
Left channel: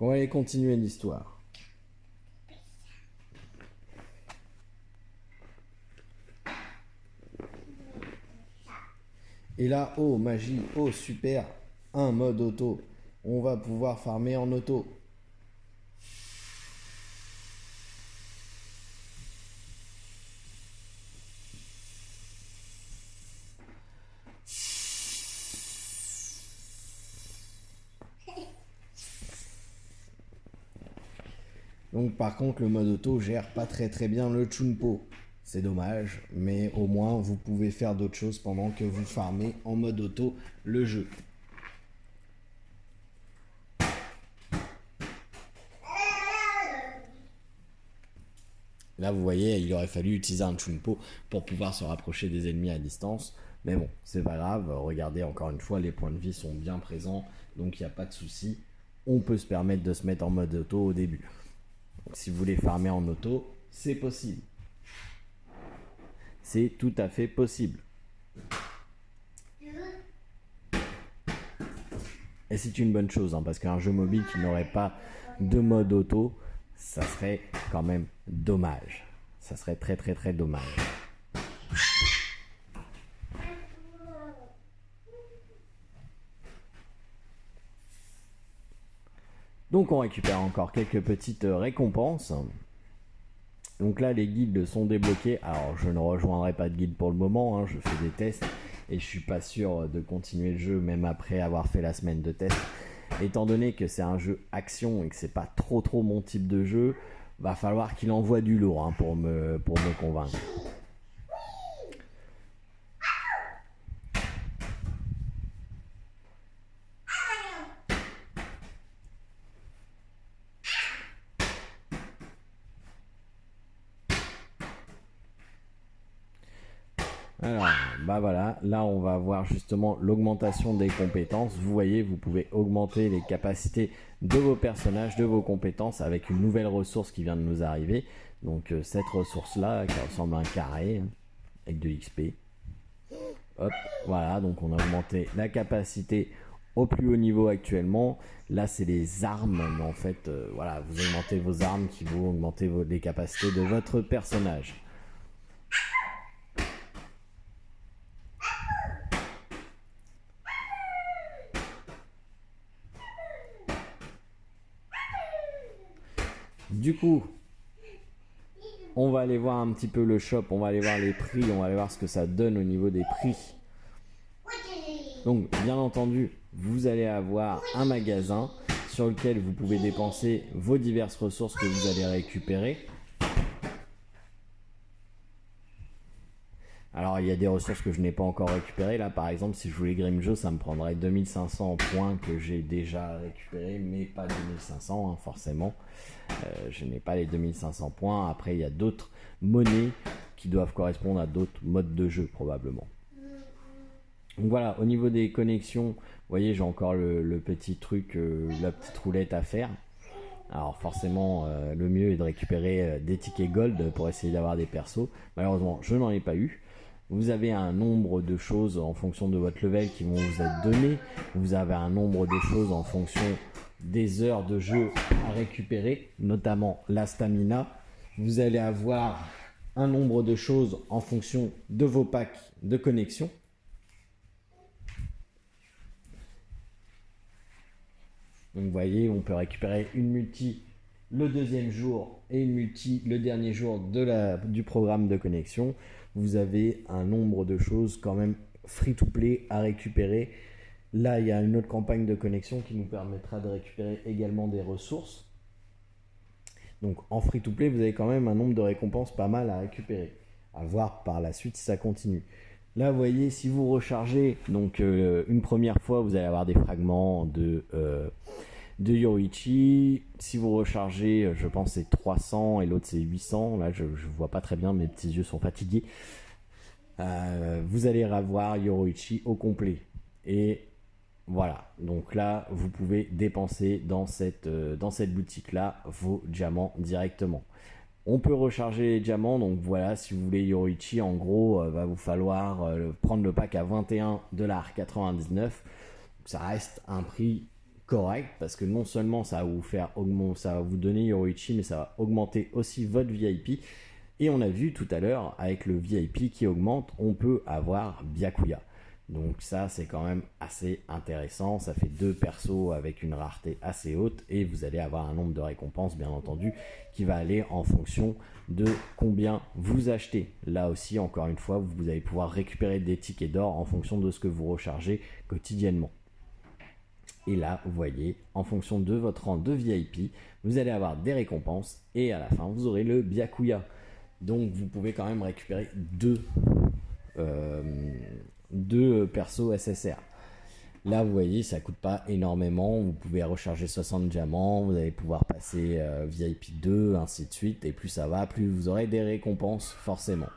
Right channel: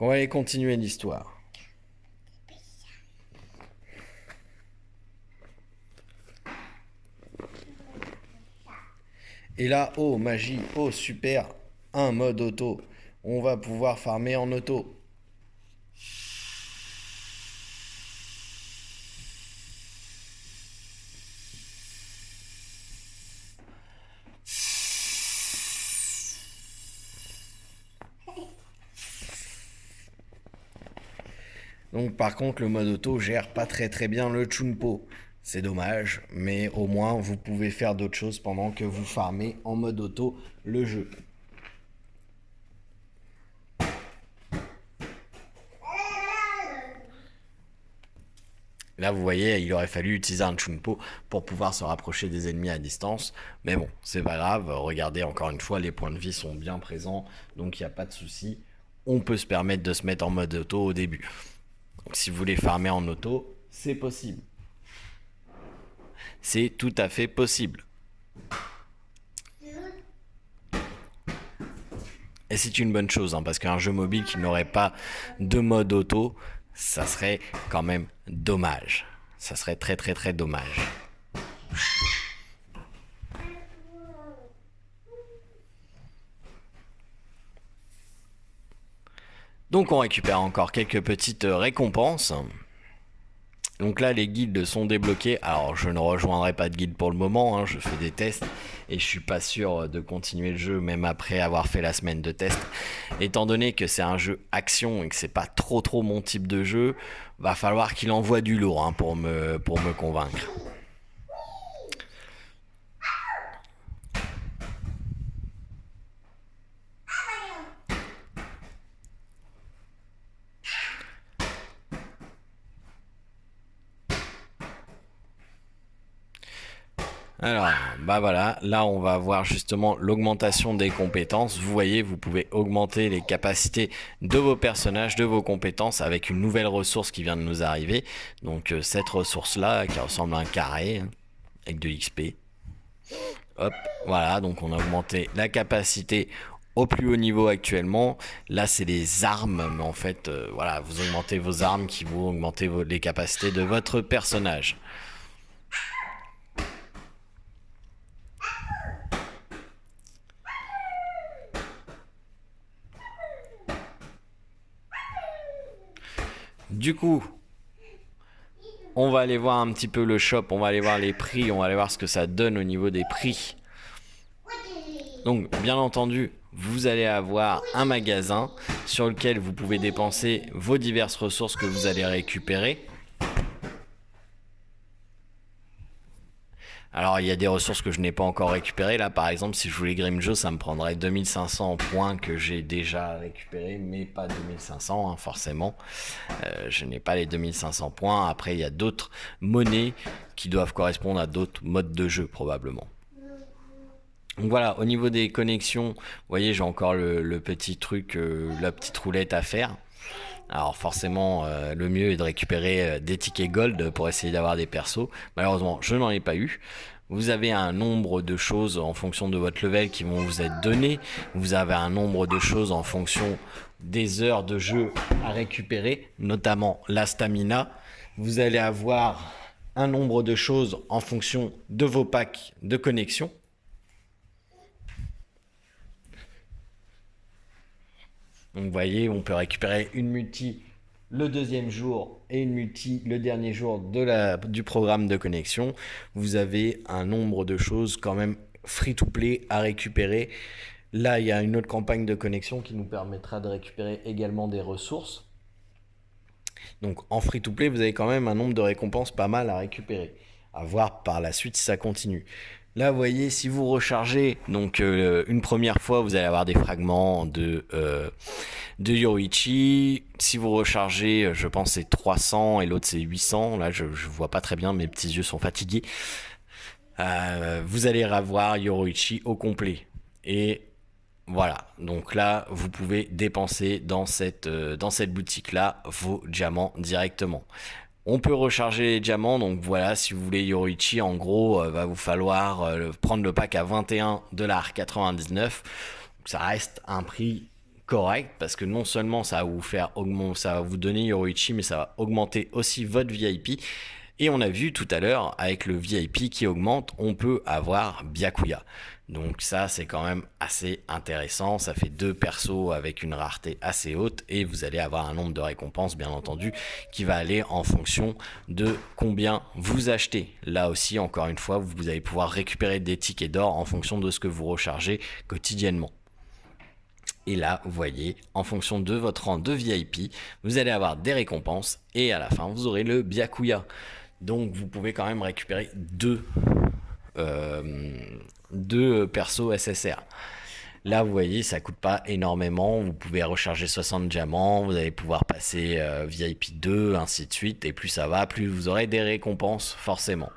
On va aller continuer l'histoire. Et là, oh magie, oh super, un mode auto. On va pouvoir farmer en auto. Donc par contre, le mode auto gère pas très bien le Chunpo. C'est dommage, mais au moins vous pouvez faire d'autres choses pendant que vous farmez en mode auto le jeu. Là, vous voyez, il aurait fallu utiliser un Chunpo pour pouvoir se rapprocher des ennemis à distance. Mais bon, c'est pas grave. Regardez, encore une fois, les points de vie sont bien présents. Donc, il n'y a pas de souci. On peut se permettre de se mettre en mode auto au début. Donc, si vous voulez farmer en auto, c'est possible. C'est tout à fait possible. Et c'est une bonne chose, hein, parce qu'un jeu mobile qui n'aurait pas de mode auto, ça serait quand même dommage. Ça serait très dommage. Donc on récupère encore quelques petites récompenses. Donc là, les guildes sont débloqués. Alors, je ne rejoindrai pas de guilde pour le moment. Hein, je fais des tests et je suis pas sûr de continuer le jeu même après avoir fait la semaine de test. Étant donné que c'est un jeu action et que c'est pas trop mon type de jeu, va falloir qu'il envoie du lourd, hein, pour me convaincre. Alors, bah voilà, là on va voir justement l'augmentation des compétences. Vous voyez, vous pouvez augmenter les capacités de vos personnages, de vos compétences avec une nouvelle ressource qui vient de nous arriver. Donc cette ressource-là qui ressemble à un carré avec de l'XP. Hop, voilà, donc on a augmenté la capacité au plus haut niveau actuellement. Là c'est les armes, mais en fait, voilà, vous augmentez vos armes qui vont augmenter les capacités de votre personnage. Du coup, on va aller voir un petit peu le shop, on va aller voir les prix, on va aller voir ce que ça donne au niveau des prix. Donc, bien entendu, vous allez avoir un magasin sur lequel vous pouvez dépenser vos diverses ressources que vous allez récupérer. Alors il y a des ressources que je n'ai pas encore récupérées. Là par exemple, si je voulais Grimjo, ça me prendrait 2500 points que j'ai déjà récupérés, mais pas 2500 hein, forcément. Je n'ai pas les 2500 points. Après il y a d'autres monnaies qui doivent correspondre à d'autres modes de jeu probablement. Donc voilà, au niveau des connexions, vous voyez j'ai encore le petit truc, la petite roulette à faire. Alors forcément, le mieux est de récupérer des tickets gold pour essayer d'avoir des persos. Malheureusement, je n'en ai pas eu. Vous avez un nombre de choses en fonction de votre level qui vont vous être données. Vous avez un nombre de choses en fonction des heures de jeu à récupérer, notamment la stamina. Vous allez avoir un nombre de choses en fonction de vos packs de connexion. Donc vous voyez, on peut récupérer une multi le deuxième jour et une multi le dernier jour du programme de connexion. Vous avez un nombre de choses quand même free to play à récupérer. Là, il y a une autre campagne de connexion qui nous permettra de récupérer également des ressources. Donc en free to play, vous avez quand même un nombre de récompenses pas mal à récupérer. À voir par la suite si ça continue. Là, vous voyez, si vous rechargez donc une première fois, vous allez avoir des fragments de Yoruichi. Si vous rechargez, je pense c'est 300 et l'autre c'est 800. Là, je vois pas très bien, mes petits yeux sont fatigués. Vous allez avoir Yoruichi au complet. Et voilà, donc là, vous pouvez dépenser dans cette boutique-là vos diamants directement. On peut recharger les diamants, donc voilà, si vous voulez Yoruichi, en gros, va vous falloir prendre le pack à 21,99 $. Ça reste un prix correct parce que non seulement ça va vous faire augmenter, ça va vous donner Yoruichi, mais ça va augmenter aussi votre VIP. Et on a vu tout à l'heure, avec le VIP qui augmente, on peut avoir Byakuya. Donc ça, c'est quand même assez intéressant. Ça fait 2 persos avec une rareté assez haute et vous allez avoir un nombre de récompenses, bien entendu, qui va aller en fonction de combien vous achetez. Là aussi, encore une fois, vous allez pouvoir récupérer des tickets d'or en fonction de ce que vous rechargez quotidiennement. Et là, vous voyez, en fonction de votre rang de VIP, vous allez avoir des récompenses et à la fin, vous aurez le Byakuya. Donc, vous pouvez quand même récupérer deux persos SSR. Là, vous voyez, ça coûte pas énormément. Vous pouvez recharger 60 diamants. Vous allez pouvoir passer VIP 2, ainsi de suite. Et plus ça va, plus vous aurez des récompenses, forcément.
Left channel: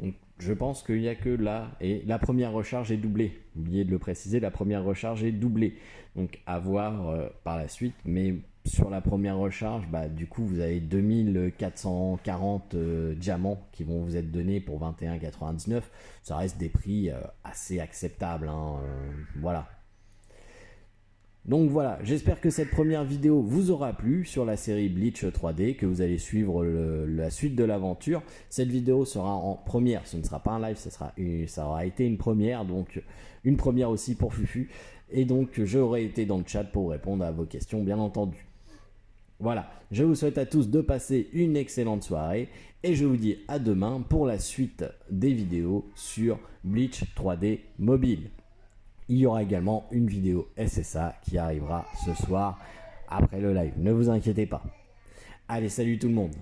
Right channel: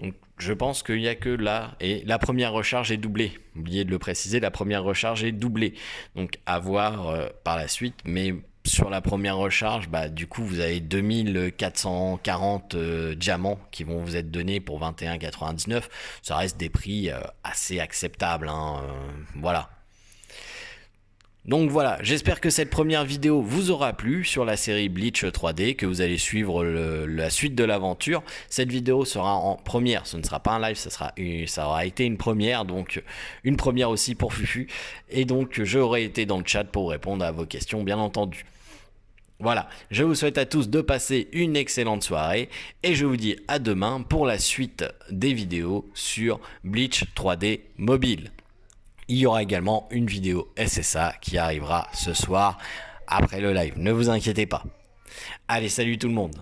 Donc, je pense qu'il n'y a que là. Et la première recharge est doublée. Oubliez de le préciser, la première recharge est doublée. Donc, à voir par la suite. Mais sur la première recharge, du coup, vous avez 2440 diamants qui vont vous être donnés pour 21,99 $. Ça reste des prix assez acceptables. Voilà. Donc voilà, j'espère que cette première vidéo vous aura plu sur la série Bleach 3D, que vous allez suivre la suite de l'aventure. Cette vidéo sera en première, ce ne sera pas un live, ça aura été une première, donc une première aussi pour Fufu. Et donc j'aurai été dans le chat pour répondre à vos questions, bien entendu. Voilà, je vous souhaite à tous de passer une excellente soirée et je vous dis à demain pour la suite des vidéos sur Bleach 3D mobile. Il y aura également une vidéo SSA qui arrivera ce soir après le live. Ne vous inquiétez pas. Allez, salut tout le monde.